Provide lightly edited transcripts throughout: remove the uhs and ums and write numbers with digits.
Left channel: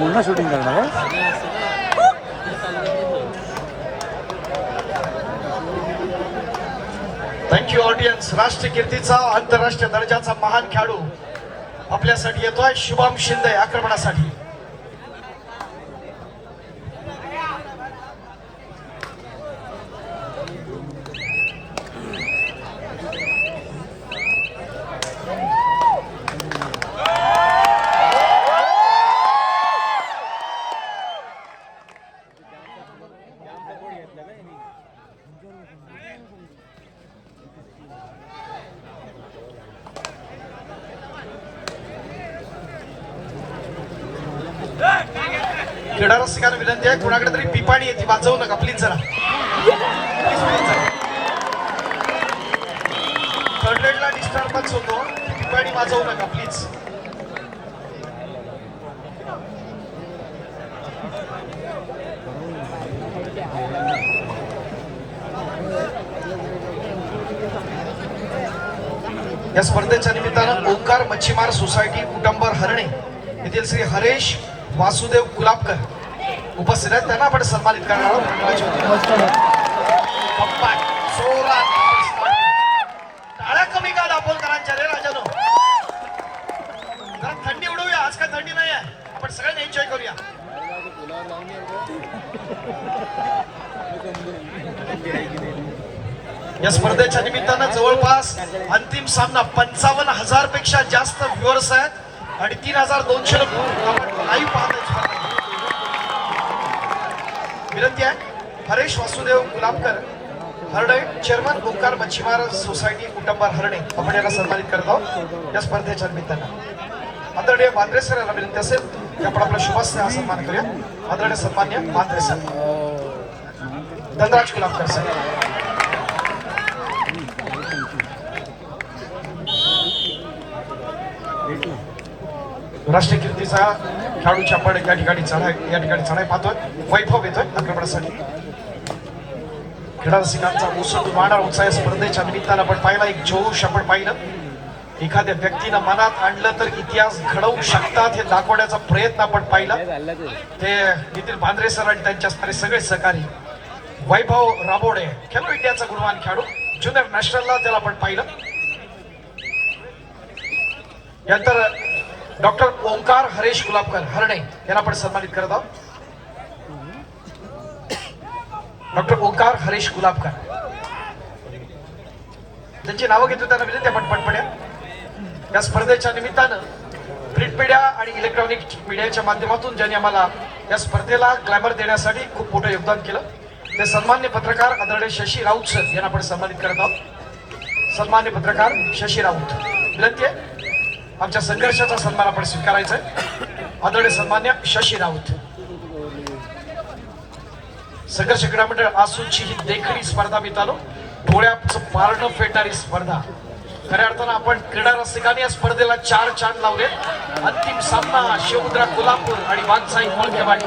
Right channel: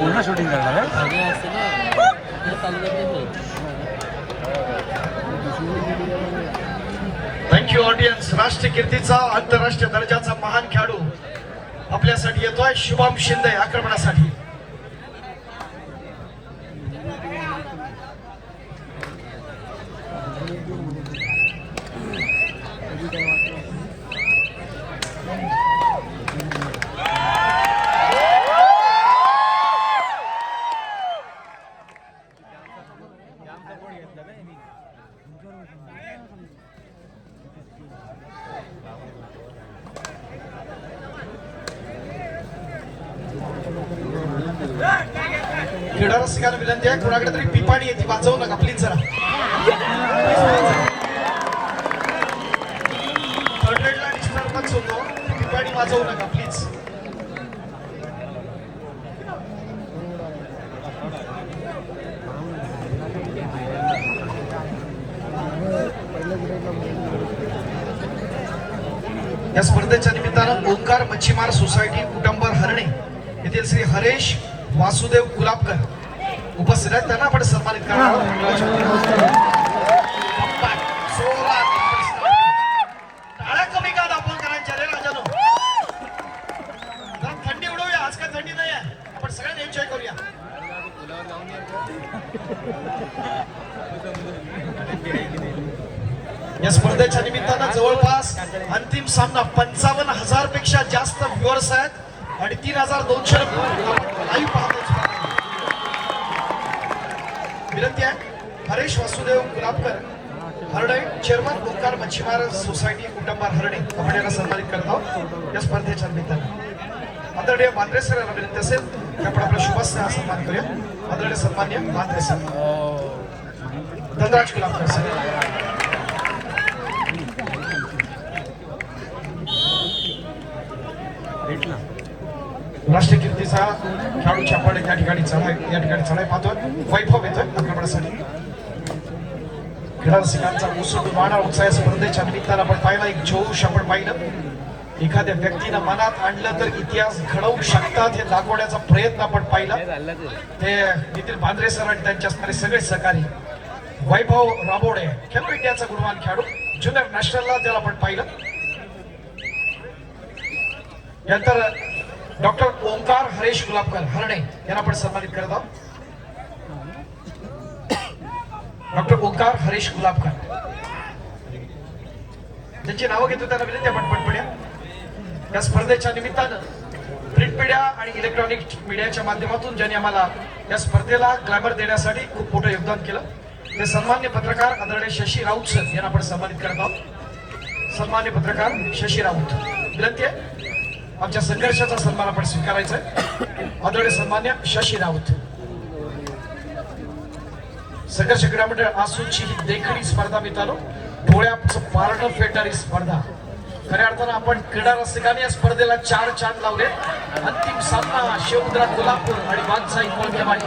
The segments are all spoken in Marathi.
पूर्ण शूटिंग करणार थँक्यू ऑडियन्स. राष्ट्रीय कीर्तीचा आंतरराष्ट्रीय दर्जाचा महान खेळाडू आपल्यासाठी येतोय शुभम शिंदे आक्रमणासाठी. क्रीडा रसिकांना विनंती आहे, कोणाकडे तरी पिपाणी येते वाजवू नका प्लीज जरा. थर्ड रेडला डिस्टर्बन्स होतो, पिपाणी वाजवू नका प्लीज. या स्पर्धेच्या निमित्तानं ओंकार मच्छीमार सोसायटी कुटुंबर हरणे येथील श्री हरेश वासुदेव गुलाबकर उपस्थित आहेत. त्यांना आपण सन्मानित करणार आहोत. टाळ्या कमी का दापोलकरांच्या रे राजानो. थंडी उडवूया, आज काय थंडी नाही आहे, आपण सगळ्यांनी एन्जॉय करूया. या स्पर्धेच्या निमित्तानं जवळपास अंतिम सामना 55,000 पेक्षा जास्त व्ह्युअर्स आहेत आणि 3,200 आपण लाईव्ह पाहतोय. विनंती आहे, हरेश वासुदेव गुलाबकर हरणे चेअरमन ओंकार मच्छीमार सोसायटी कुटुंबार हरणे आपण याला सन्मानित करत आहोत या स्पर्धेच्या निमित्तानं. आदरणीय बांद्रे सर याला विनंती असेल की आपण आपला शुभस्थ हा सन्मान करूया. आदरणीय सन्मान्य बांद्रे सर, धनराज गुलाबकर सर. राष्ट्रीय कीर्तीचा खेळाडूच्या आपण या ठिकाणी चढाई पाहतोय. वैभव येतोय आक्रमणासाठी. क्रीडा रसिकांचा उसळ वाढा उत्साह स्पर्धेच्या निमित्तानं आपण पाहिला, एक जोश आपण पाहिलं. एखाद्या व्यक्तीनं मनात आणलं तर इतिहास घडवू शकतात हे दाखवण्याचा प्रयत्न आपण पाहिला. ते येथील बांद्रे सर आणि त्यांच्या असणारे सगळे सहकारी. वैभव राबोडे खेलो इंडियाचा गुणवान खेळाडू, ज्युनियर नॅशनलला त्याला आपण पाहिलं. यानंतर डॉक्टर ओंकार हरेश गुलाबकर हरणे यांना आपण सन्मानित करत आहोत. डॉक्टर ओंकार हरेश गुलाबकर ज्यांची नावं घेतो त्यांना विनंती आपण पटपड्या. या स्पर्धेच्या निमित्तानं प्रिंट मीडिया आणि इलेक्ट्रॉनिक मीडियाच्या माध्यमातून ज्यांनी आम्हाला या स्पर्धेला ग्लॅमर देण्यासाठी खूप मोठं योगदान केलं ते सन्मान्य पत्रकार आदरणीय शशी राऊत सर यांना आपण सन्मानित करत आहोत. सन्मान्य पत्रकार शशी राऊत, विनंती आहे आमच्या संघर्षाचा सन्मान आपण स्वीकारायचा आहे. आदरणीय सन्मान्य शशी राऊत. संघर्ष क्रीडा मंडळ आसूची ही देखणी स्पर्धा मित्रांनो, डोळ्याचं पारणं फेडणारी स्पर्धा. खऱ्या अर्थानं आपण क्रीडा रसिकांनी या स्पर्धेला 4 चांद लावले. अंतिम सामना शिवमुद्रा कोल्हापूर आणि वाघसाई कोळकेवाडी.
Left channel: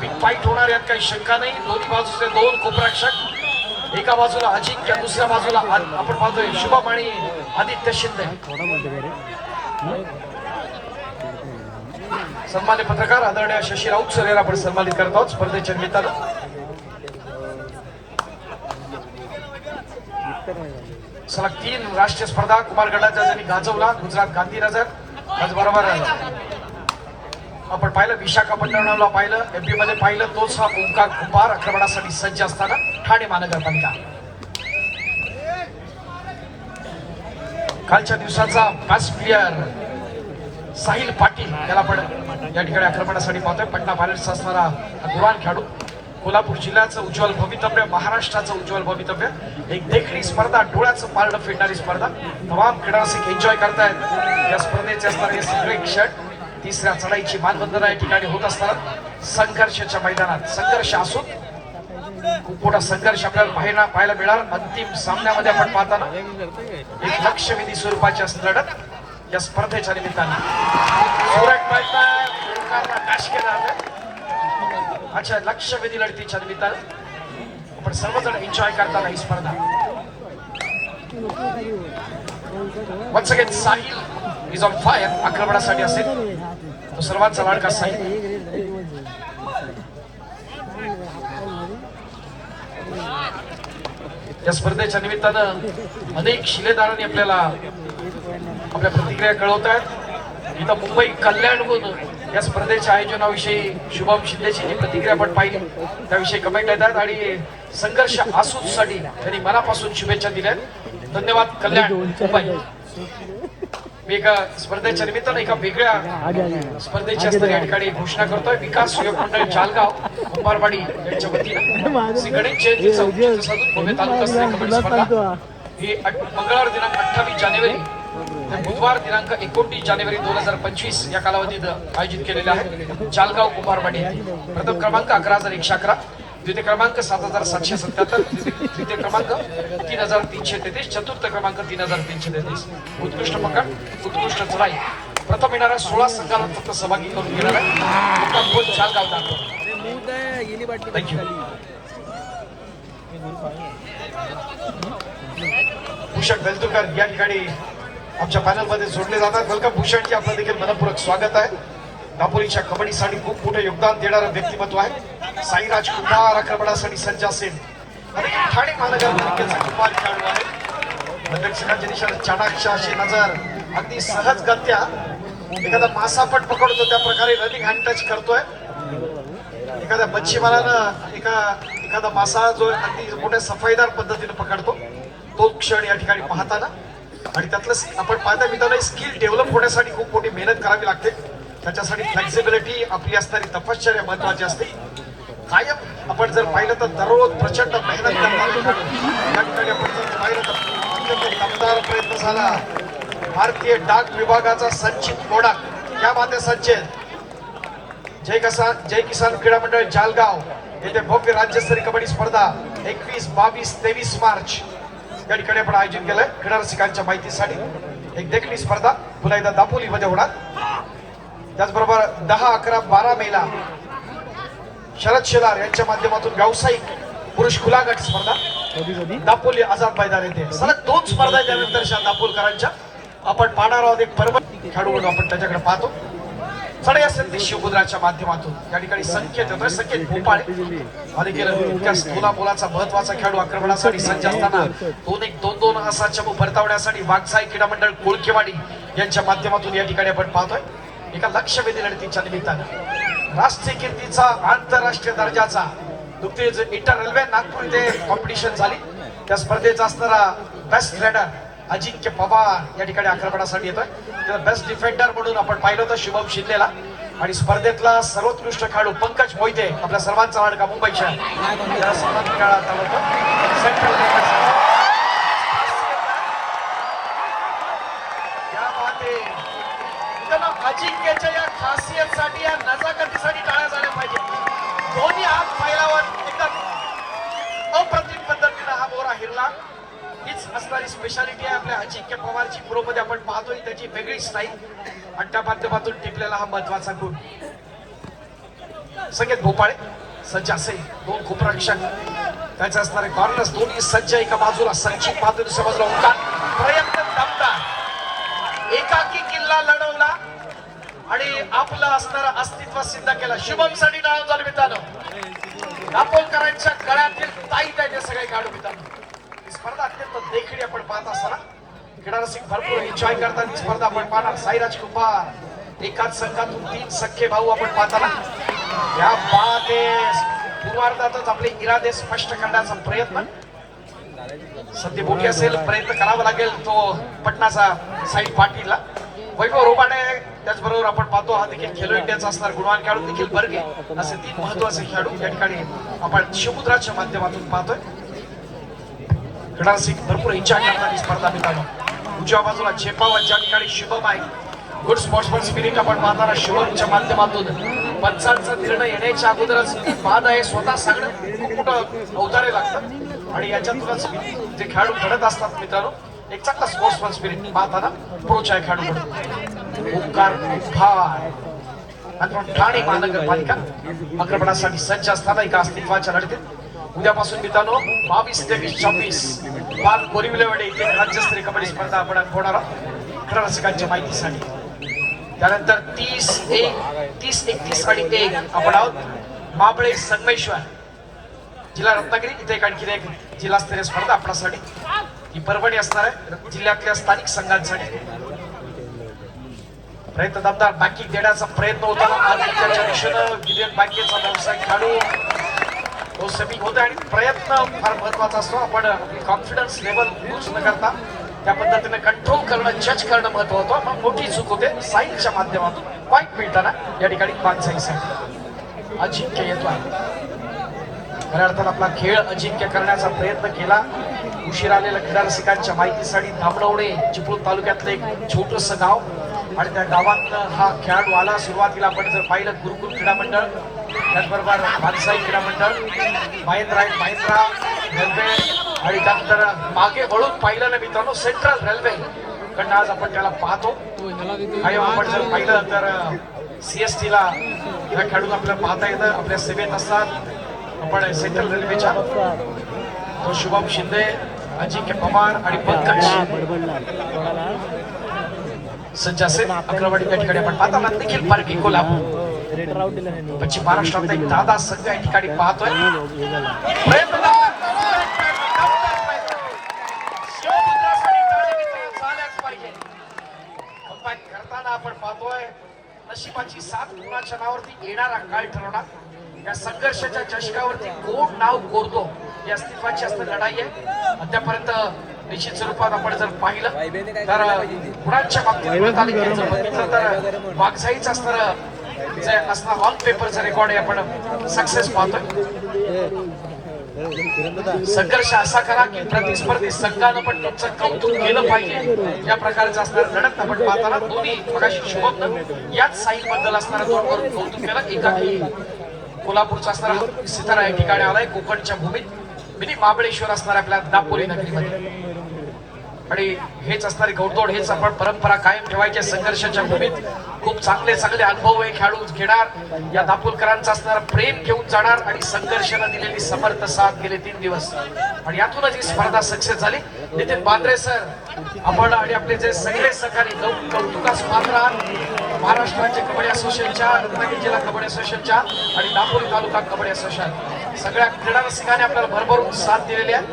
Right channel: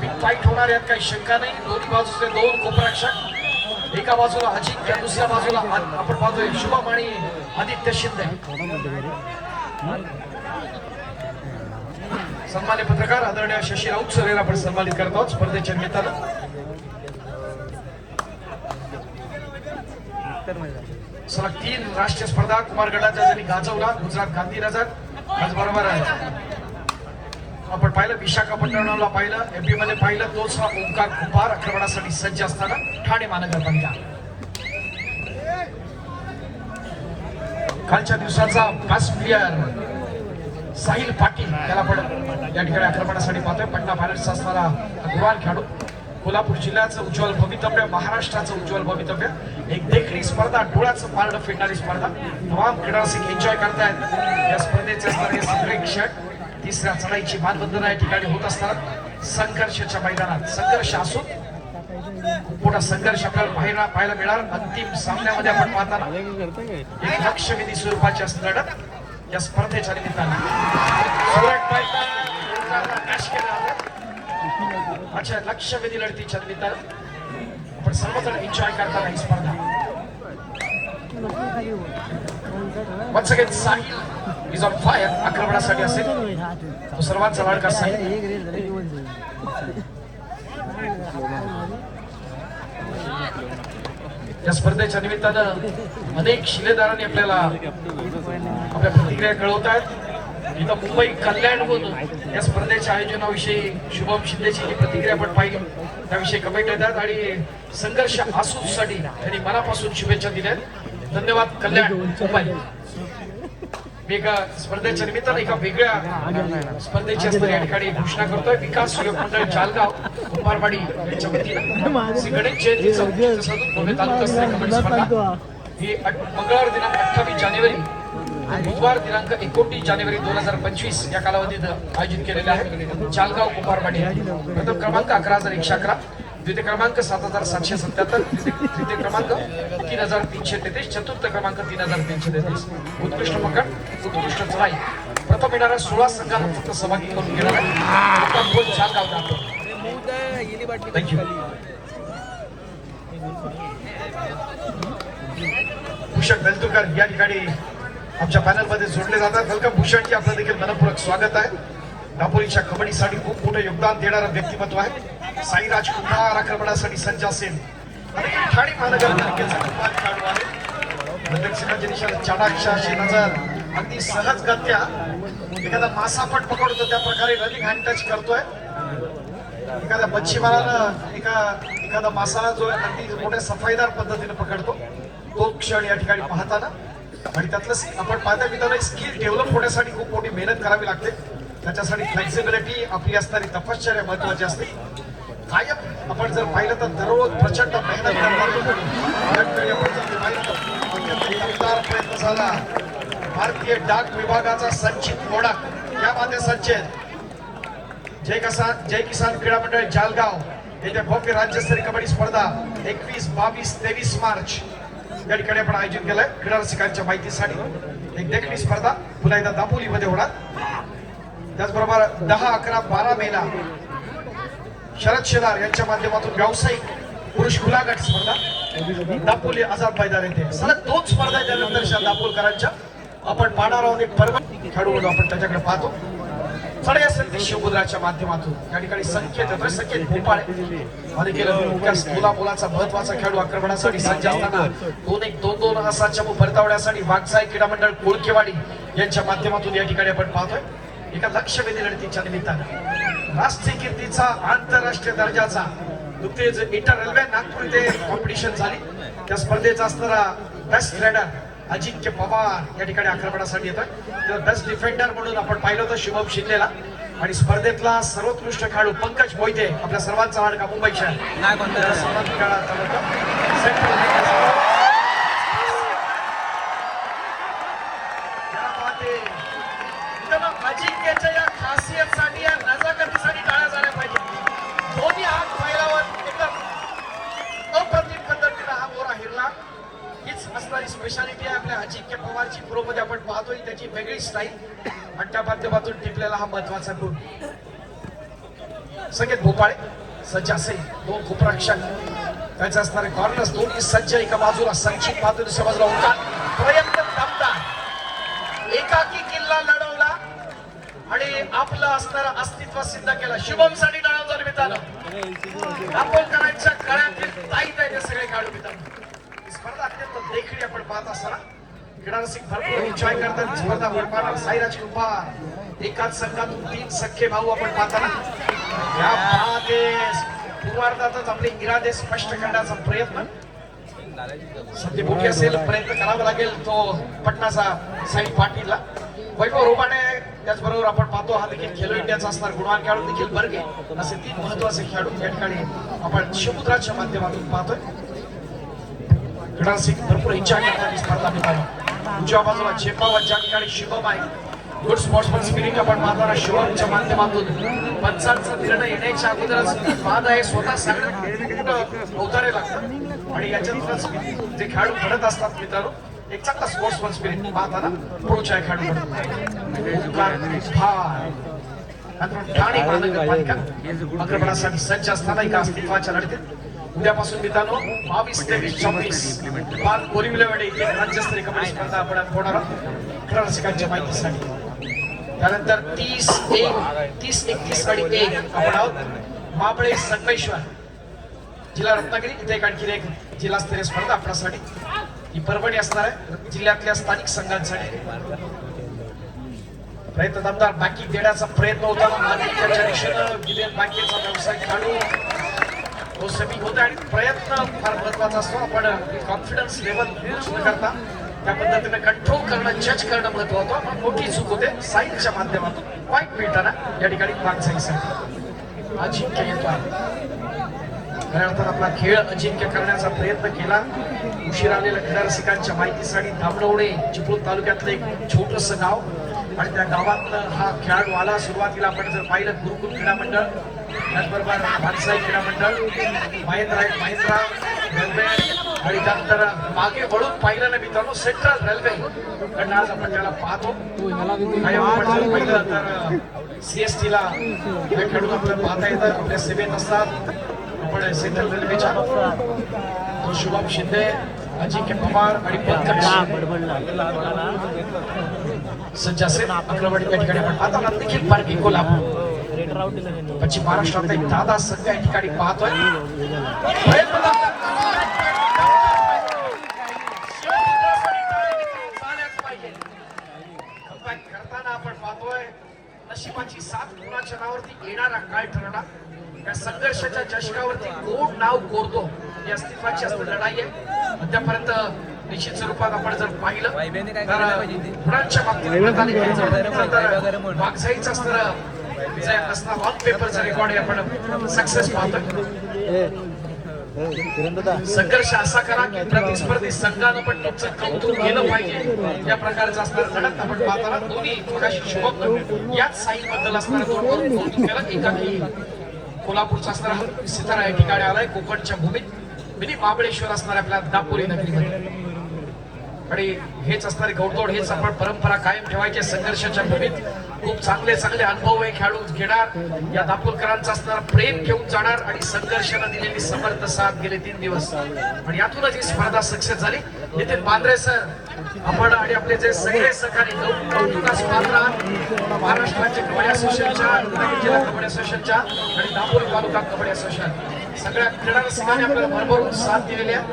बिग फाईट होणार यात काही शंका नाही. दोन्ही बाजूचे 2 कोपरक्षक, एका बाजूला अजिंक्य, दुसऱ्या बाजूला आपण पाहतोय शुभम आणि आदित्य शिंदे. सन्मान्य पत्रकार आदरणीय शशी राऊत सर यांना आपण सन्मानित करत आहोत स्पर्धेच्या निमित्तानं. सलग 3 राष्ट्रीय स्पर्धा कुमारगडाच्या ज्यांनी गाजवला. गुजरात गांधीनगर, त्याचबरोबर आपण पाहिलं विशाखापट्टणमला पाहिलं, एमपी मध्ये पाहिलं. तोच हा ओंकार कुंभार आक्रमणासाठी सज्ज असताना ठाणे महानगरपालिका. कालच्या दिवसाचा बेस्ट प्लेयर साहिल पाटील याला आपण या ठिकाणी आक्रमणासाठी पाहतोय. पटना पायलट्सचा असणारा गुणवान खेळाडू. कोल्हापूर जिल्ह्याचं उज्ज्वल भवितव्य, महाराष्ट्राचं उज्ज्वल भवितव्य. एक देखणी स्पर्धा, डोळ्याचं पारणं फेडणारी स्पर्धा. तमाम क्रीडा रसिक एन्जॉय करतायत या स्पर्धेचे असणारे सगळे क्षण. तिसऱ्या चढाईची मानवंदना या ठिकाणी होत असतात. संघर्षाच्या मैदानात संघर्ष असून खूप मोठा संघर्ष आपल्याला पाहायला मिळणार. अंतिम सामन्यामध्ये आपण पाहताना एक लक्षवेधी स्वरूपाची लढत या स्पर्धेच्या निमित्तानं. अच्छा, लक्षवेधी लढतीच्या निमित्तानं आपण सर्वजण एन्जॉय करताना ही स्पर्धा. Once again Sahil is on fire आक्रमणासाठी असेल. तो सर्वांचा लाडका साहिल. या स्पर्धेच्या निमित्तानं अनेक शिलेदारांनी आपल्याला आपल्या प्रतिक्रिया कळवतात. इथं मुंबई कल्याणहून या स्पर्धेच्या आयोजनाविषयी शुभम शिंदेची जी प्रतिक्रिया आपण पाहिली त्याविषयी कमेंट येतात आणि संघर्ष आसूसाठी त्यांनी मनापासून शुभेच्छा दिल्या. धन्यवाद कल्याण मुंबई. मी एका स्पर्धेच्या निमित्तानं एका वेगळ्या स्पर्धेची असणारी या ठिकाणी घोषणा करतोय. विकास सहयोग मंडळ जालगाव कुंभारवाडी यांच्या वतीनं श्री गणेश जयंतीचा औचित्य साधून भव्य तालुकास्तरीय कबड्डी स्पर्धा ही मंगळवार दिनांक 28 जानेवारी व बुधवार दिनांक 29 जानेवारी 2025 या कालावधीत आयोजित केलेले आहे. जालगाव कुंभारवाडी येथे प्रथम क्रमांक 11,111, द्वितीय क्रमांक 7,777, तृतीय क्रमांक 3,333, चतुर्थ क्रमांक 3,333. उत्कृष्ट पकड, उत्कृष्ट चढाई. प्रथम येणाऱ्या 16 संघाला फक्त सहभागी करून घेणार आहे. जालगाव जातो. थँक्यू. भूषण बेलतुरकर या ठिकाणी आमच्या पॅनल मध्ये जोडले जातात. वेलकम भूषणजी, आपलं देखील मनपूर्वक स्वागत आहे. दापोलीच्या कबड्डीसाठी खूप मोठं योगदान देणारं व्यक्तिमत्व आहे. साईराज कुमार आक्रमणासाठी सज्ज असेल. ठाणे महानगरपालिकेचा कुमार खेळाडू आहे. दक्षिणाच्या दिशेला चाणाक्ष अशी नजर, अगदी सहजगत्या एखादा मासापट पकडतो त्या प्रकारे रनिंग हँड टच करतोय. एखाद्या मच्छीमारानं एखादा मासा जो अगदी मोठ्या सफाईदार पद्धतीने पकडतो तो क्षण या ठिकाणी पाहताना आणि त्यातलं आपण पाहता मित्रांनो स्किल डेव्हलप होण्यासाठी खूप मोठी मेहनत करावी लागते. त्याच्यासाठी फ्लेक्झिबिलिटी आपली असणारी तपश्चर्या महत्वाची असते. कायम आपण जर पाहिलं तर दररोज प्रचंड मेहनत करणारे आपण पाहिलं तर दमदार प्रयत्न झाला. भारतीय डाक विभागाचा संचित मोडा या माते संचित जय किसान क्रीडा मंडळ जालगाव येथे भव्य राज्यस्तरीय कबड्डी स्पर्धा 21, 22, 23 मार्च या ठिकाणी आपण आयोजित केलंय. क्रीडा रसिकांच्या माहितीसाठी एक देखणी स्पर्धा पुन्हा एकदा दापोलीमध्ये होणार. त्याचबरोबर 10, 11, 12 मेला शरद शेलार यांच्या माध्यमातून व्यावसायिक पुरुष खुला गट स्पर्धा दापोली आझाद मैदान येथे सलग 2 स्पर्धा त्यानंतर दापोलकरांच्या आपण पाहणार आहोत. एक परम खेळाडू म्हणून आपण त्याच्याकडे पाहतो. चढाई असेल ते शिवमुद्राच्या माध्यमातून या ठिकाणी संकेत येतोय. संकेत भोपाळे आणि केलं इतक्या स्थूला मोलाचा महत्वाचा खेळाडू आक्रमणासाठी सज्ज असताना 2-1, 2-2 असा चमू परतावण्यासाठी वाघसाई क्रीडा मंडळ कोळकेवाडी यांच्या माध्यमातून या ठिकाणी आपण पाहतोय. एका लक्षवेधी लढतीच्या निमित्तानं राष्ट्रीय कीर्तीचा आंतरराष्ट्रीय दर्जाचा नुकतीच इंटर रेल्वे नागपूर इथे कॉम्पिटिशन झाली. त्या स्पर्धेचा असणारा बेस्ट रायडर अजिंक्य पवार या ठिकाणी आक्रमणासाठी येतोय. तर बेस्ट डिफेंडर म्हणून आपण पाहिलं होतं शुभम शिंदेला आणि स्पर्धेतला सर्वोत्कृष्ट खेळाडू पंकज मोहिते आपल्या सर्वांचा लाडका मुंबईच्या अजिंक्यच्या या खासियतसाठी या नजाकतीसाठी टाळ्या झाल्या पाहिजे. दोन्ही हात फैलावत एकदम अप्रतिम पद्धतीने हा मोरा हिरला. हीच असणारी स्पेशालिटी आहे आपल्या अजिंक्य पवारची. प्रो मध्ये आपण पाहतोय त्याची वेगळी स्टाईल आणि त्या माध्यमातून टिपलेला हा महत्वाचा गुण. संकेत भोपाळे सज्ज असेल. 2 खूपरक्षक त्याचे असणारे कॉर्नर्स दोन्ही सज्ज. एका बाजूला संचित मात्र दुसऱ्या बाजूला ओंकार. प्रयत्न दमदार एकाकी किल्ला लढवला आणि आपलं असणारं अस्तित्व सिद्ध केलं. शुभम साठी टाळ्या निमित्तानं दापोलकरांच्या गळ्यातील ताईत आहे ते सगळे खेळाडू मित्रांनो. स्पर्धा अत्यंत देखणी आपण पाहत असताना क्रीडा रसिक भरपूर एन्जॉय करतात. स्पर्धा आपण पाहणार. साईराज कुंभार एकाच संघातून 3 सख्खे भाऊ आपण पाहताना या पूर्वार्धातच आपले इरादे स्पष्ट करण्याचा प्रयत्न सध्या मोठी असेल. प्रयत्न करावा लागेल तो पटनाचा साईड पाटीलला. वैभव रोबाणे त्याचबरोबर आपण पाहतो हा देखील खेलो इंडियाचा असणार गुणवान खेळाडू देखील बर्गे असे 3 महत्वाचे खेळाडू या ठिकाणी आपण शिवमुद्राच्या माध्यमातून पाहतोय. क्रीडा रसिक भरपूर एन्जॉय करणारी स्पर्धा मित्रांनो. उजव्या बाजूला चेपावा ज्या ठिकाणी शुभम आहे. गुड स्पोर्ट्समन स्पिरिट आपण पाहताना शुभमच्या माध्यमातून पंचांचा निर्णय येण्याच्या अगोदरच बाद आहे स्वतः सांगणं खूप मोठं अवतारे लागतं आणि याच्यातूनच जे खेळाडू घडत असतात मित्रांनो. एक चांगला स्पोर्ट्समन स्पिरिट पाहताना प्रोच आहे खेळाडू म्हणून. ओंकार आणि ठाणे महानगरपालिका आक्रमणासाठी सज्ज असताना एका अस्तित्वाच्या लढतीत उद्यापासून मित्रांनो 22, 23, 26 बाल बोरिवलेवाडी येथे राज्यस्तरीय कबड्डी स्पर्धा आपण होणार आहोत. क्रीडा रसिकांच्या माहितीसाठी त्यानंतर 30-31 आणि 1 आपण आहोत माबळे संगमेश्वर जिल्हा रत्नागिरी. इथे एक आणखी एक जिल्हास्तरीय स्पर्धा आपल्यासाठी ही परभणी असणार आहे जिल्ह्यातल्या स्थानिक संघांसाठी. प्रयत्न दमदार बँकिंग देण्याचा प्रयत्न होताना आदित्यच्या दिशेनं विलियन बँकेचा व्यवसाय खेळाडू तो सेमी होते आणि प्रयत्न फार महत्वाचा असतो. आपण कॉन्फिडन्स लेवल यूज न करता त्या पद्धतीने कंट्रोल करणं जज करणं महत्वाचं होतं. मोठी चूक होते साईडच्या माध्यमातून पॉईंट मिळताना या ठिकाणी मागसाईसाठी अजिंक्य येतो आहे. खऱ्या अर्थात आपला खेळ अजिंक्य करण्याचा प्रयत्न केला. उशीर आलेल्या क्रीडा रसिकांच्या माहितीसाठी धामणवणे चिपळूण तालुक्यातलं एक छोटस गाव आणि त्या गावात हा खेळाडू आला. सुरुवातीला आपण जर पाहिलं गुरुकुल क्रीडा मंडळ त्याचबरोबर भानसाई क्रीडा मंडळ महिंद्रा रेल्वे आणि त्यानंतर मागे वळून पाहिलं ना मित्रांनो सेंट्रल रेल्वे कडनं आज आपण त्याला पाहतो. आणि आपण जर पाहिलं तर CST ला या खेळाडून आपल्याला पाहता येतं आपल्या सेवेत असतात. आपण सेंट्रल रेल्वेच्या तो शुभम शिंदे अजिंक्य पवार आणि पंकज सज्ज असेल अक्रमणी या ठिकाणी आपण पाहतो. देखील पार्टी कोल्हापूर पश्चिम महाराष्ट्रातला एक दादा संघ या ठिकाणी पाहतोय. करताना आपण पाहतोय नशिबाची साथ कुणाच्या नावावरती येणारा काळ ठरवणार. या संघर्षाच्या चषकावरती कोण नाव कोरतो ही अस्तित्वाची असं लढाई आहे. अद्यापर्यंत निश्चित स्वरूपात आपण जर पाहिलं तर गुणांच्या बाबतीत बघितलं तर वाघसाईच असणारं जे असणार ऑन पेपरचा रेकॉर्ड आपण सक्सेस पाहतोय. संघर्ष असा करा की प्रतिस्पर्धी संघानं पण तुमचं कौतुक केलं पाहिजे या प्रकारचं असणार लढत आपण पाहताना दोन्ही मगाशी शुभम याच साई बद्दल असणारा दोन वरून कौतुक केलं. एकाकी कोल्हापूरचा असणारा सितारा या ठिकाणी आलाय कोकणच्या भूमीत मिनी महाबळेश्वर असणार आपल्या दापोली नगरीमध्ये. आणि हेच असणारी घोडदौड हेच आपण परंपरा कायम ठेवायची. संघर्षाच्या भूमीत खूप चांगले अनुभव हे खेळाडू घेणार. या दापोलकरांचा असणारा प्रेम घेऊन जाणार आणि संघर्षाला दिलेली समर्थ साथ गेले 3 दिवस आणि यातूनच ही स्पर्धा सक्सेस झाली. नितीन बांद्रे सर आपण आणि आपले जे सगळे सहकारी कौतुकास पात्र आहात. महाराष्ट्र राज्य कबड्डी असोसिएशनच्या रत्नागिरी जिल्हा कबड्डी असोसिएशनच्या आणि दापोली तालुका कबड्डी असोसिएशन सगळ्या क्रीडा रसिकांनी आपल्याला भरभरून साथ दिलेली आहे.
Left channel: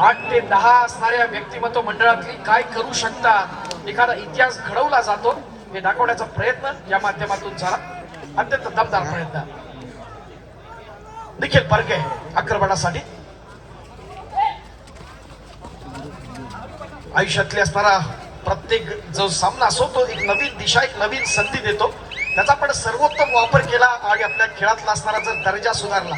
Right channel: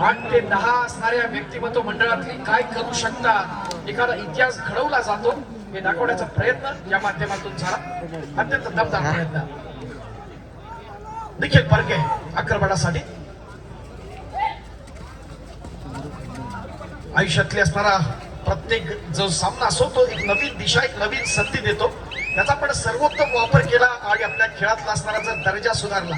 8 ते 10 असणाऱ्या व्यक्तिमत्व मंडळातली काय करू शकतात एखादा इतिहास घडवला जातो हे दाखवण्याचा प्रयत्न या माध्यमातून झाला. अत्यंत दमदार प्रयत्न. देखील परके आक्रमणासाठी आयुष्यातली असणारा प्रत्येक जो सामना असो तो एक नवीन दिशा एक नवीन संधी देतो. त्याचा पण सर्वोत्तम वापर केला आणि आपल्या खेळातला असणारा जर दर्जा सुधारला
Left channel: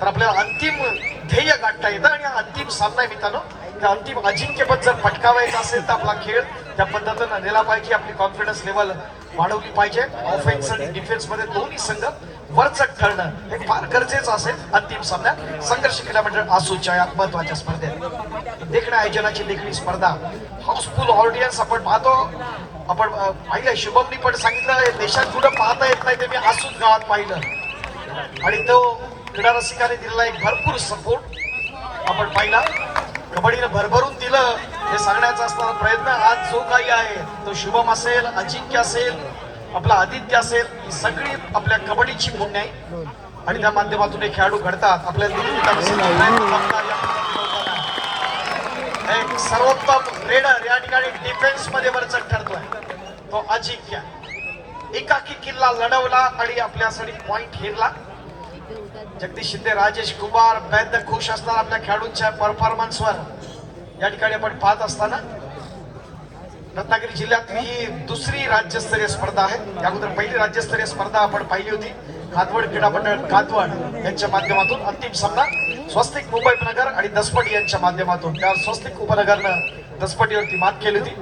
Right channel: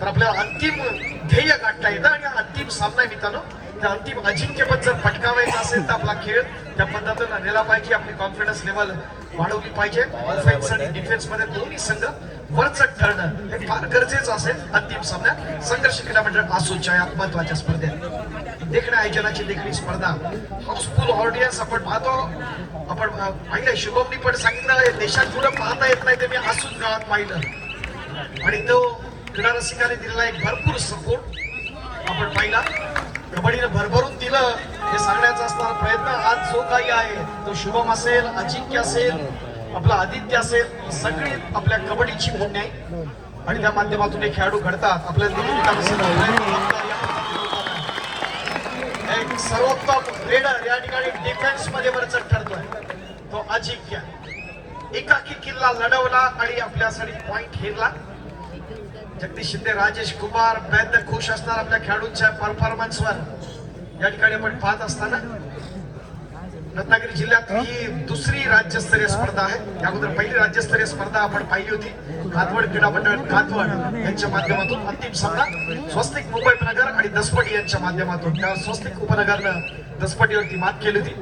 तर आपल्याला अंतिम ध्येय गाठता येतं. आणि अंतिम सामना मित्रांनो त्या अंतिम अजिंक्यपद जर पटकावायचं असेल तर आपला खेळ त्या पद्धतीनं नेला पाहिजे. आपली कॉन्फिडन्स लेवल वाढवली पाहिजे. ऑफेन्स आणि डिफेन्स मध्ये दोन्ही संघ वरचढ ठरणं हे फार गरजेचं असेल अंतिम सामन्यात. संघर्ष क्रीडा मंडळ आसूच्या या महत्वाच्या स्पर्धेत देखण्या आयोजनाची देखील स्पर्धा हाऊसफुल ऑडियन्स आपण पाहतो. आपण पाहिलं शुभमनी पण सांगितलं देशात कुठं पाहता येत नाही ते मी आसूच गावात पाहिलं आणि तो क्रीडा रसिकाने दिलेला एक भरपूर सपोर्ट आपण पाहिला. कबड्डीनं भरभरून दिलं हे सांगण्याचा असणारा प्रयत्न आज जो काही आहे तो शुभम असेल अजिंक्य असेल आपला आदित्य असेल सगळी आपल्या कबड्डीची भूमी आहे आणि त्या माध्यमातून हे खेळाडू घडतात. आपल्याला एक सर्वोत्तम रेडर या ठिकाणी डिफेन्स मध्ये वरचढ ठरतोय तो अजिंक्य. एकाकी किल्ला लढवला आणि आपल्यासाठी पॉइंट हिरला. जगदीश शिंदे राजेश कुमार बेद खुश असणार आपल्या खेळाडूंच्या परफॉर्मन्सवर या ठिकाणी आपण पाहत असताना. रत्नागिरी जिल्ह्यात ही दुसरी राज्यस्तरीय स्पर्धा आहे. या अगोदर पहिली राज्यस्तरीय स्पर्धा आपण पाहिली होती कादवड क्रीडा मंडळ कादवड यांच्या माध्यमातून. अंतिम सामना स्वस्तिक मुंबई उपनगर आणि दसपटी यांच्या माध्यमातून. त्यावर स्वस्तिक उपनगरनं दसपटीवरती मात केली होती.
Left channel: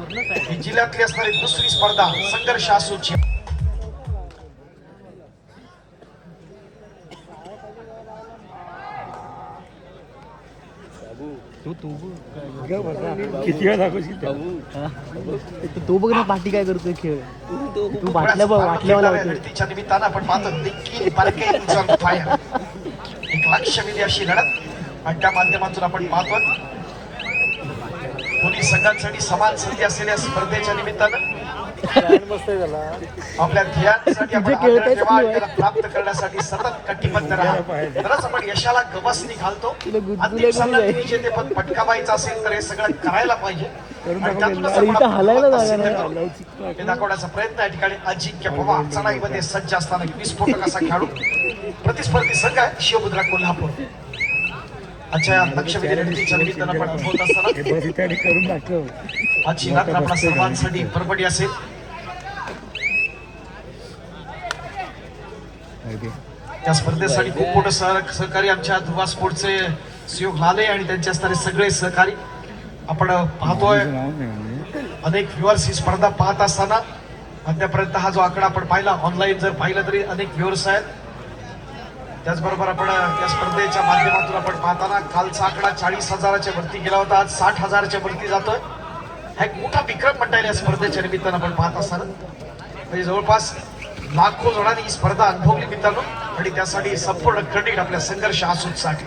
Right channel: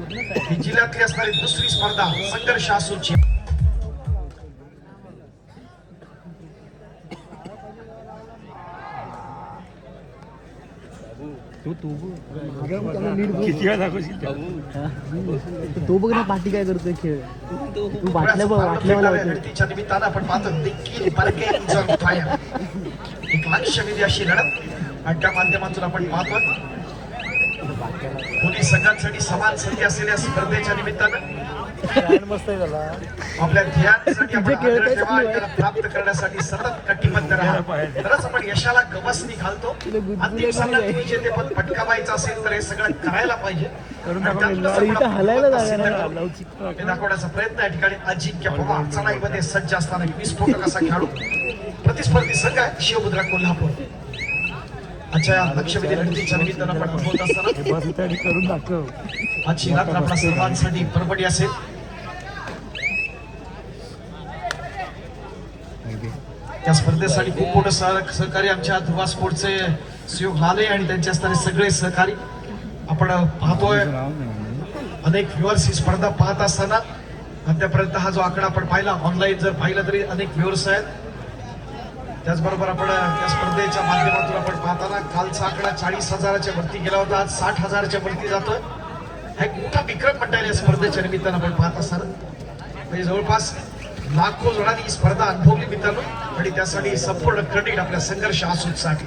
ही जिल्ह्यातली असणारी दुसरी स्पर्धा संघर्ष आसूची. तो बघ ना पाठी काय करतोय खेळ. तू वाटल्याच्या निमित्तानं आपण पाहतो देखील एक लक्षवेधी अशी लढत आणि त्या माध्यमातून आपण पाहतो दोन्ही संघांसाठी समान संधी असलेल्या स्पर्धेच्या निमित्तानं आपल्या ध्येयासाठी आपण आग्रह ठेवा आणि त्याला प्राप्त करण्यासाठी सतत कटिबद्ध राहा. तरच आपण यशाला गवसणी घालतो. अंतिम सामन्यात विजेतेपद पटकावायचं असेल तर हे सगळं करायला पाहिजे आणि त्यातूनच आपण आपली गुणवत्ता सिद्ध करू हे दाखवण्याचा प्रयत्न या ठिकाणी अजिंक्य पवार चढाईमध्ये सज्ज असताना विस्फोटक असा खेळाडू प्रतिस्पर्धी संघ आहे शिवमुद्रा कोल्हापूर. आजच्या लक्षवेधी लढतीच्या निमित्तानं आपण अनुभवत असताना आजची रात्र आपल्या सर्वांसाठी परबडी असेल. त्या स्पर्धेसाठी खूप मोठं सहकारी आमच्या ध्रुवा स्पोर्टचे सहयोग लाले आणि त्यांचे असणारे सगळे सहकारी आपण पाहतोय. अनेक व्ह्युअर्स ही स्पर्धा पाहत असताना अद्यापर्यंत हा जो आकडा आपण पाहिला ऑनलाईन जर पाहिलं तरी अनेक व्ह्युअर्स आहेत. त्याचबरोबर आपण या स्पर्धेच्या माध्यमातून आपण पाहताना कालचा आकडा 40,000च्या वरती गेला होता. आज 60,000च्या वरती जातोय. हा एक मोठा विक्रम म्हणता येईल या स्पर्धेच्या निमित्तानं आपण पाहत असताना. म्हणजे जवळपास लाखो जणांनी ही स्पर्धा अनुभवली मित्रांनो आणि त्यासाठी संपूर्ण क्रेडिट आपल्या संघर्ष आसूसाठी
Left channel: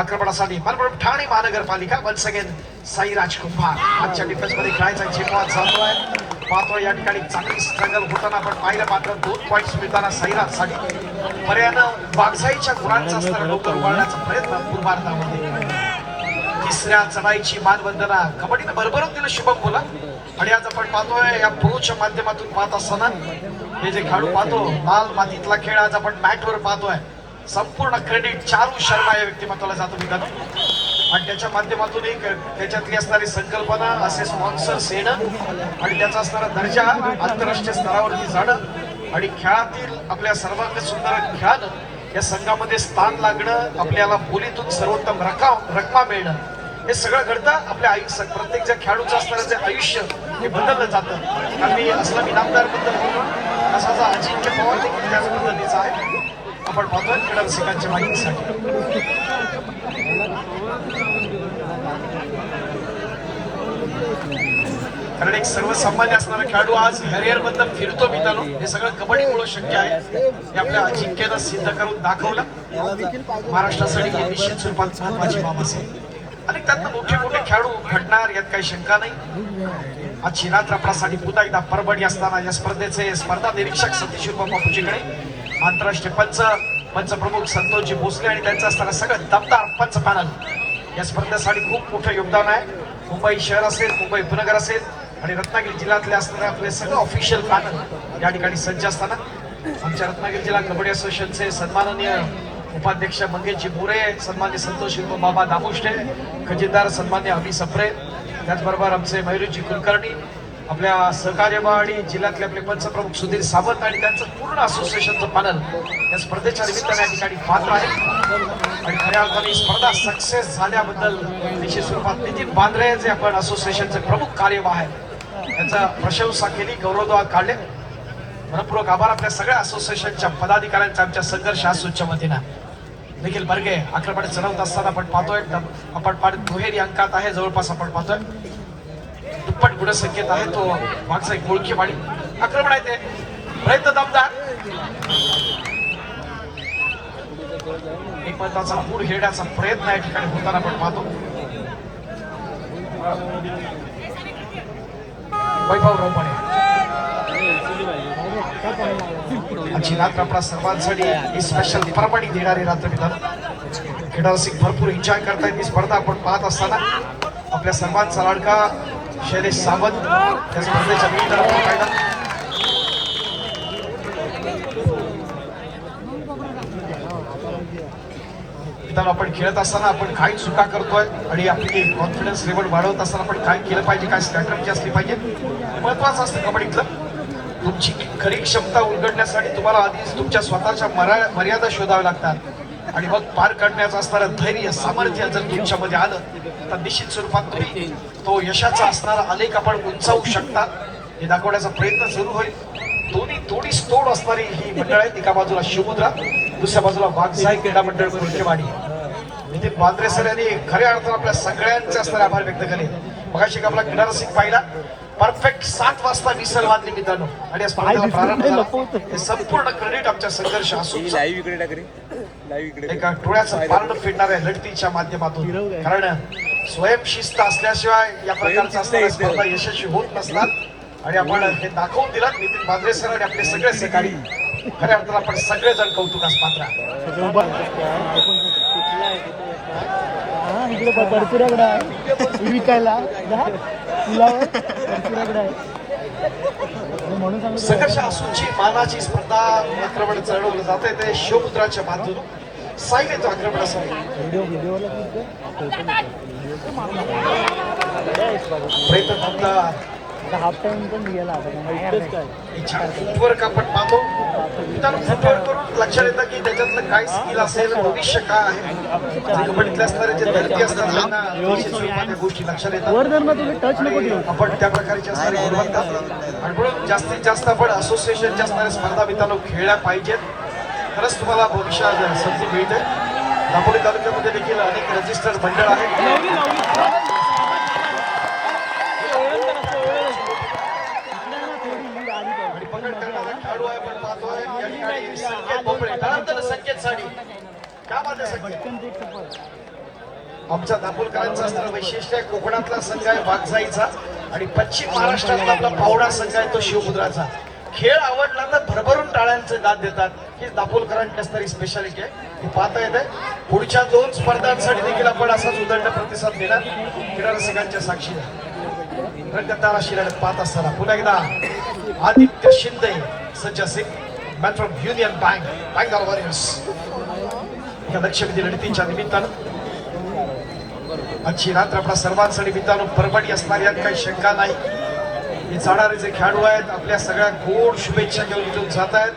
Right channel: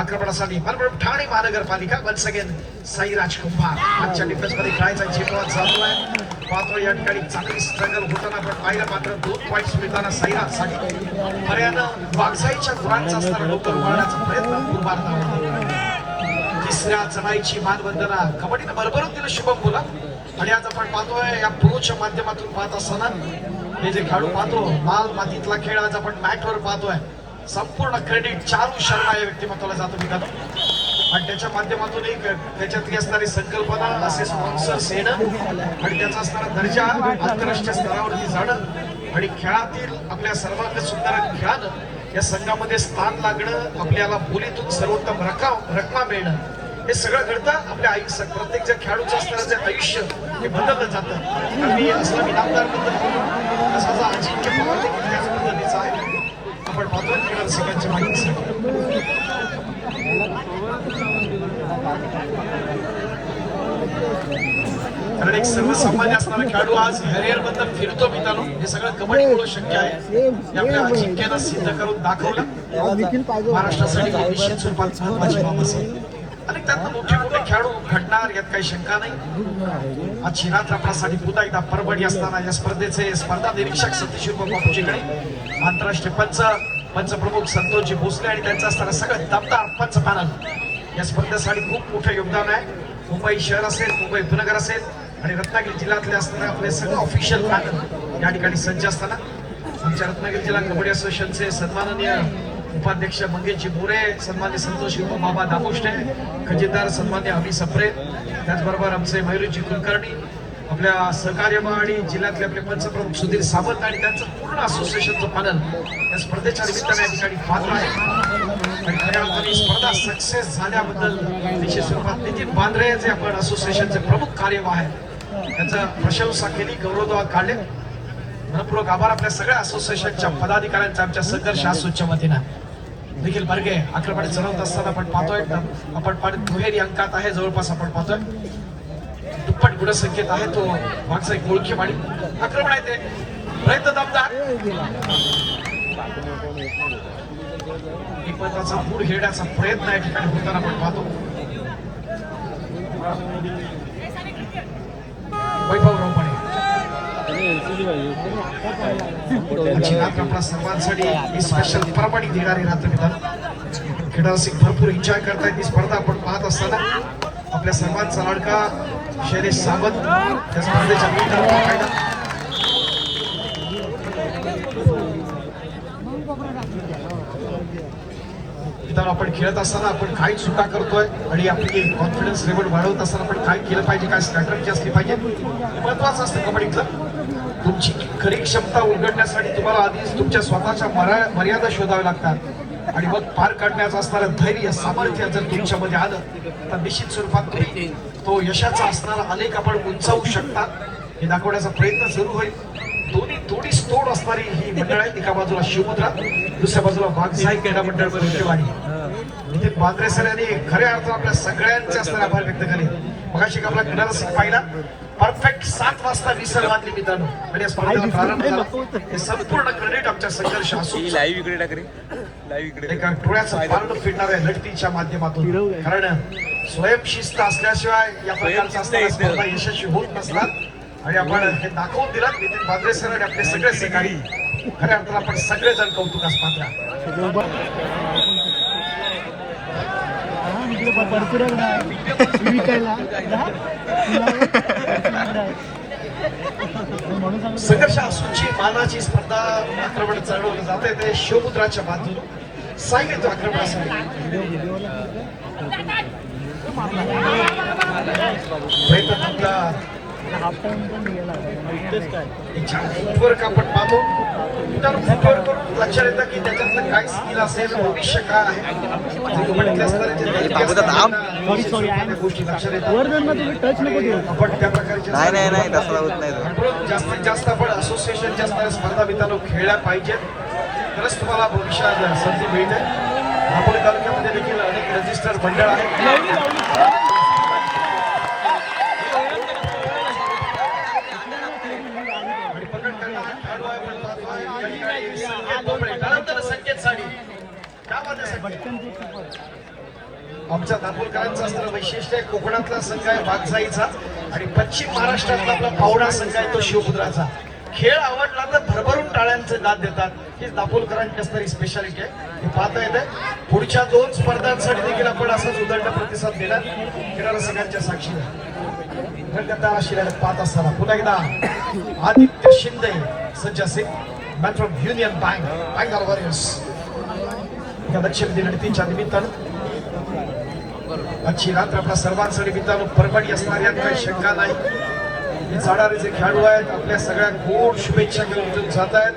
आक्रमणासाठी ठाणे महानगरपालिका वन्स अगेन साईराज कुंभार आजच्या डिफेन्स मध्ये खेळायचा झेपवा चालू आहे. पाहतोय या ठिकाणी चांगली स्ट्रगल होताना आपण पाहिलं मात्र 2 पॉईंट्स मिळताना साईराजसाठी पर्यायानं वागसाईच्या गुरांचा असणारा डोकं उभारण्याचा प्रयत्न पूर्वार्धामध्ये. तिसऱ्या चढाईची मानवंदना कबड्डीनं भरभरून दिलं शुभम बोला आणि आज आपण पाहतोय या प्रोच्या माध्यमातून पाहत असताना हे जे खेळाडू पाहतो लाल मातीतला खेळ आज आपण मॅटवर पाहतोय. संपूर्ण क्रेडिट चारू शर्मा या व्यक्तिमत्वाला जातो मित्रांनो आणि त्याच्या माध्यमातून एक त्याच्यातली असणारी संकल्पना असे स्पॉन्सर्स येणं आणि त्याचा असणारा दर्जा आंतरराष्ट्रीय स्तरावरती जाणं आणि खेळातील आपल्या सर्वांग सुंदर खेळानं या संघामध्ये स्थान लागणं आपल्याला बोलीतून सर्वोत्तम रकमा मिळणं हे सगळं घडतं आपल्या आयुष्यात. प्रत्येक ज्या खेळाडूचं असणारं जे आयुष्य हे बदललं जातं. आम्ही असला इनामदार बद्दल बोलू असा जो अजिंक्य पवार देखील त्याच पद्धतीचा आहे. आपण पाहतोय क्रीडा रसिकांच्या माहितीसाठी कारण एक सर्वसामान्य असणारा खेळाडू आज करिअर बद्दल फिरतो मित्रांनो हे सगळं कबड्डीमुळे शक्य आहे. हे आपल्या अजिंक्यानं सिद्ध करून दाखवलं. महाराष्ट्रासाठी निश्चित स्वरूपात महत्वाची बाब असेल आणि त्यातनं मोठे मोठे खेळाडू घडणार यात काही शंका नाही. आजची रात्र आपल्यासाठी पुन्हा एकदा परबडी असताना या स्पर्धेचे स्पर्धा निरीक्षक सतीश बापूजीकडे आंतरराष्ट्रीय पंचप्रमुख संतोषजी भोसले आणि त्यांचं असताना सगळं दमदार पंच पॅनल या स्पर्धेसाठी खूप मोठं योगदान आहे. मुंबई शहर असेल मुंबई उपनगर असेल आणि रत्नागिरी जिल्ह्यातले असणारे आपले सगळं ऑफिशियल पॅनल या ठिकाणी सज्ज असताना आमच्या रत्नागिरी जिल्हा कबड्डी असोसिएशनचे सन्माननीय उपाध्यक्ष मंगेशजी बुरे सन्मान्य संतोष बाबा दामुष्टे खजिनदार सन्मान्य अमी सप्रे त्याचबरोबर आमचे मयुरजी कुलकर्णी आपल्या सहकार्य आणि जिल्ह्यातले आपले पंचप्रमुख सुधीर सावंत आणि त्यांचं पूर्ण असोसिएशनचं पॅनल या स्पर्धेच्या निमित्ताने या ठिकाणी पात्र आहे आणि खऱ्या अर्थाने स्पर्धा सक्सेस झाल्याबद्दल निश्चित स्वरूपात नितीन बांद्रे जे आपण असोसिएशनचे प्रमुख कार्यवाह आहेत त्यांचा प्रशंसा केली गौरवोद्गार काढले. मनपूर्वक आभार आपल्या सगळ्या असोसिएशनच्या पदाधिकाऱ्यांचा आमच्या संघर्ष आसूच्या वतीनं. निखिल बर्गे आक्रमण चढवत असताना आपण पाहतोय आपण दुहेरी अंकात आहे जवळपास आपण पाहतोय दुप्पट गुणसंख्येत आहे तो मागचा एक ओळखी माडी आक्रमण आहे ते प्रयत्न दमदार एक महत्वाचा पूर घेण्याचा प्रयत्न या ठिकाणी होताना आपण पाहतो. वैभव रोपणे आजची रात्र आपल्या सर्वांसाठी ही स्पेशल परबडी देणारी रात्र मित्रांनो. क्रीडा रसिक भरपूर एन्जॉय करतायत ही स्पर्धा आपण पाहत असताना आपल्या सर्वांचा लाडका शैलेश सावंत या स्पर्धेच्या मित्रांनो आपण खेळत असताना आपण काय चुका करतोय आणि आपली कॉन्फिडन्स लेवल वाढवत असताना आपण काय केलं पाहिजे काय स्ट्रॅटेजी असली पाहिजे महत्वाचं असतं कबड्डीतलं. तुमची खरी क्षमता उलगडण्यासाठी तुम्हाला आधीच तुमच्या स्वतःच्या मर्यादा शोधाव्या लागतात आणि मग पार काढण्याचं असणारं धैर्य सामर्थ्य जर तुमच्यामध्ये आलं तर निश्चित स्वरूपात तुम्ही तो यशाचा असणारा आलेख आपण उंचावू शकता हे दाखवण्याचा प्रयत्न सुरू होईल. थोडीच तोड असणारी ही मंडळ आहे. एका बाजूला शिवमुद्रा दुसऱ्या बाजूला वाघसाई क्रीडा मंडळ कोल्हेवाडी. नितीन बांद्रे सर यांनी खऱ्या अर्थानं आपल्या सगळ्यांचे असणारे आभार व्यक्त केले. मगाशी आपला क्रीडा रसिक पाहिला परफेक्ट 7 वाजता विसल वाजली मित्रांनो आणि या स्पर्धेला प्रारंभ झाला. हे संपूर्ण क्रेडिट आमच्या संघर्ष असून एका डोळ्याचं पारण फिरणाऱ्या लढतीच्या माध्यमातून कारण स्वयंशिस्त असल्याशिवाय या प्रकारचा असणाऱ्या स्पर्धा यशस्वी होत नसतात. आणि आपण हे दाखवून दिलं नितीन भांद्रे सर आणि आपले सगळे सहकारी खऱ्या अर्थाला आपण सगळेजण कौतुकास पात्र आहे. सगळं उभा. हा, इकडे भरती रगडा आहे विकायला ना? फुलावर भरती रगडा आहे. म्हणून सांगितलं. संघर्ष असूची मानाची स्पर्धा आक्रमण चढवलं जाते ते शिवपुत्राच्या बाजूने साईल येतो आक्रमणासाठी. व्हिडिओला प्रयत्न आपला हाफ टाइम पण गेला फुटवर्क आपण पाहतो. मित्रांनो, फुटवर्क करून लक्षात येतं की त्याच्यातलं काय स्किल असेल, भविष्य काय आहे. कबड्डीतल्या स्तराचे दर्जे असतात, त्यांना त्या गोष्टी लक्षात येतात. वर्धन मध्ये तुम्ही टच नको देऊ. आपण त्या प्रकारच्या आणि म्हणून जास्तीत जास्त आपण असोसिएशनच्या स्तरावर स्पर्धा मित्रांनो खेळल्या पाहिजेत. खरंच तुम्हाला भविष्यात संधी मिळते. दापोली तालुक्यामध्ये देखील अनेक रजिस्टर्ड मंडळ आहेत. आणि पकड करणारा खेळाडू आहे आपण पाहतोय या ठिकाणी संकेत भोपळे. त्यानंतर संकेत साडी त्यामध्ये संकेत. आमच्या दापोलकरांचं असणारं वैशिष्ट्य आहे, कोकणातला संघ आहे वाघजाईचा आणि पश्चिम महाराष्ट्रातला आपला पावडा संघ आहे तो शिवपुत्राचा. खेळ आवडला तर भरभरून टाळ्यांचं दाद देतात. ही दापोलकरांची असणारी स्पेशालिटी आहे. हे पाहता येते. पुढच्या 2 स्पर्धांसाठी देखील आपण असाच उदंड प्रतिसाद देणार क्रीडा रसिकांच्या साक्षीने. रंगतदार अशी लढत पाहत असताना पुन्हा एकदा Aditya Shinde, Sanjay Singh, man from Union Bank, Bengal Warriors या लक्षवेधी लढतीच्या निमित्तानं आजची रात्र आपल्या सर्वांसाठी मित्रांनो परभणी असणार यात काही शंका नाही. हे जाणारे जे खेळाडू आहेत आपल्या सगळ्या गोड शुभेच्छा घेऊन इथून जात आहेत.